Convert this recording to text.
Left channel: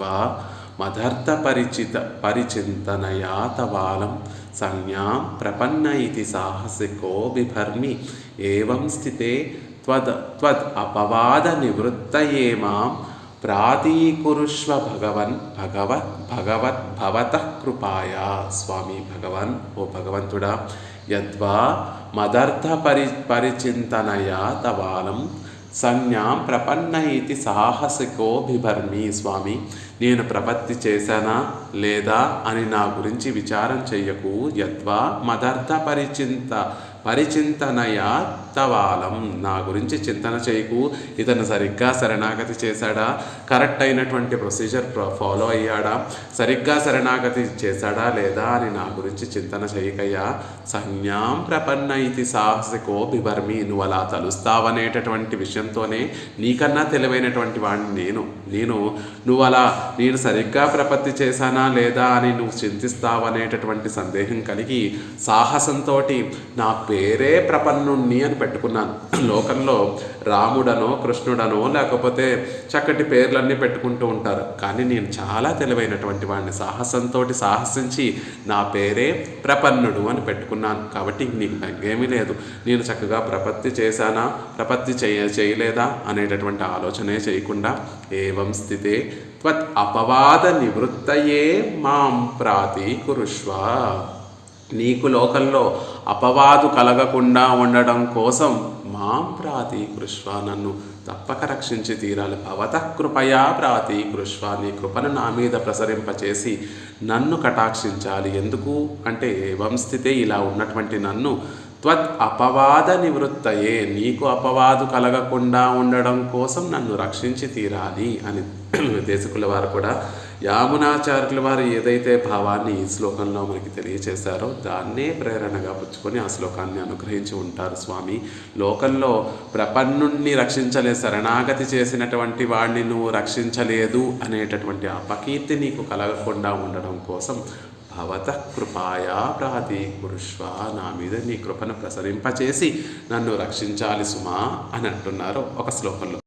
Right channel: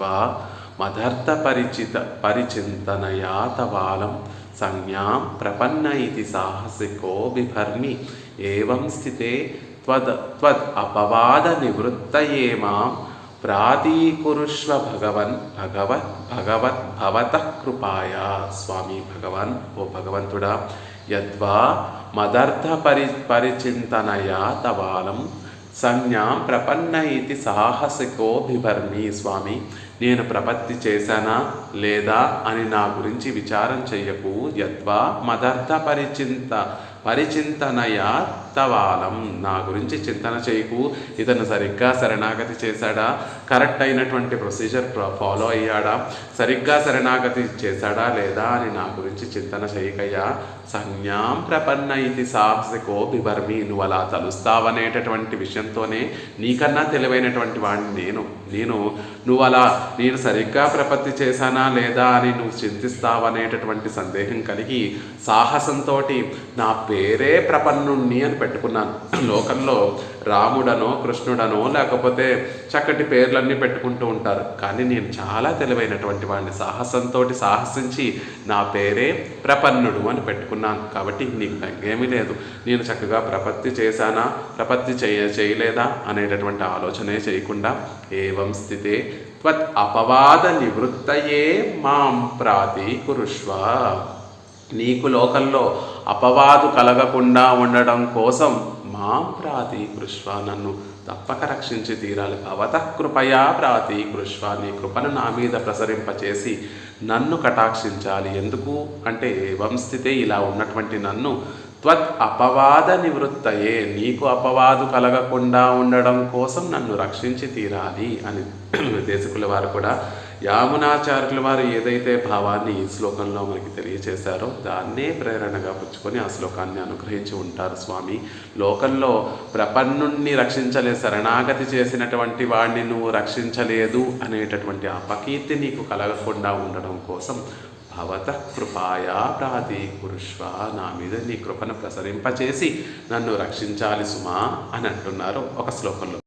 వా మదర్థ పరిచింతనయా తవాలం సంజ్ఞాం ప్రపన్న ఇతి సాహసికో బిభర్మి ఏవం స్థితే త్వద్ అపవాద నివృత్తయే మాం ప్రాతీకురుష్వ భగవతః కృపాయా. స్వామి భగవాన్, ఓ భగవంతుడా, యద్వా మదర్థ పరిచింతనయా తవాలం సంజ్ఞాం ప్రపన్న ఇది సాహసికో బిభర్మి. స్వామి, నేను ప్రపత్తి చేశానా లేదా అని నా గురించి విచారం చెయ్యకు. యద్వా మదర్థ పరిచింతనయా తవాలం, నా గురించి చింతన చేయకు. ఇతను సరిగ్గా శరణాగతి చేశాడా, కరెక్ట్ అయినటువంటి ప్రొసీజర్ ఫాలో అయ్యాడా, సరిగ్గా శరణాగతి చేశాడా లేదా అని నా గురించి చింతన చేయకయ్యా. సంజ్ఞాం ప్రపన్న ఇది సాహసికో బిభర్మి, నువ్వు అలా తలుస్తావనేటటువంటి విషయంతోనే నీకన్నా తెలివైనటువంటి వాడిని నేను సరిగ్గా ప్రపత్తి చేశానా లేదా అని నువ్వు చింతిస్తావనేటటువంటి సందేహం కలిగి సాహసంతో నా పేరే ప్రపన్నుణ్ణి అని పెట్టుకున్నాను. లోకంలో రాముడనో కృష్ణుడనో లేకపోతే చక్కటి పేర్లన్నీ పెట్టుకుంటూ ఉంటారు, కానీ నేను చాలా తెలివైనటువంటి వాడిని. సాహసంతో సాహసించి నా పేరే ప్రపన్నుడు అని పెట్టుకున్నాను. కాబట్టి నీకు ఏమీ లేదు, నేను చక్కగా ప్రపత్తి చేశానా ప్రపత్తి చేయలేదా అనేటటువంటి ఆలోచనే చేయకుండా ఏవం స్థితే త్వత్ అపవాద నివృత్తయే మాం ప్రాతీకురుష్వ, నీకు లోకంలో అపవాదు కలగకుండా ఉండడం కోసం మాం ప్రాతీకురుష్వ, నన్ను తప్పక రక్షించి తీరాలి. భవతః కృపయా ప్రాతీకురుష్వ, నీ కృపను నా మీద ప్రసరింపచేసి నన్ను కటాక్షించాలి. ఎందుకు అంటే ఏవం స్థితే, ఇలా ఉన్నటువంటి నన్ను త్వత్ అపవాద నివృత్తయే, నీకు అపవాదు కలగకుండా ఉండడం కోసం నన్ను రక్షించి తీరాలి అని విదేశకుల వారు కూడా యామునాచార్యుల వారు ఏదైతే భావాన్ని ఈ శ్లోకంలో మనకి తెలియచేశారో దాన్నే ప్రేరణగా పుచ్చుకొని ఆ శ్లోకాన్ని అనుగ్రహించి ఉంటారు. స్వామి, లోకంలో ప్రపన్నుణ్ణి శరణాగతి చేసినటువంటి వాడిని నువ్వు రక్షించలేదు అనేటటువంటి అపకీర్తి నీకు కలగకుండా ఉండడం కోసం భవతః కృపాయా ప్రాతీకురుష్వ, నా మీద నీ కృపను ప్రసరింపచేసి నన్ను రక్షించాలి సుమా అని అంటున్నారు ఒక శ్లోకంలో.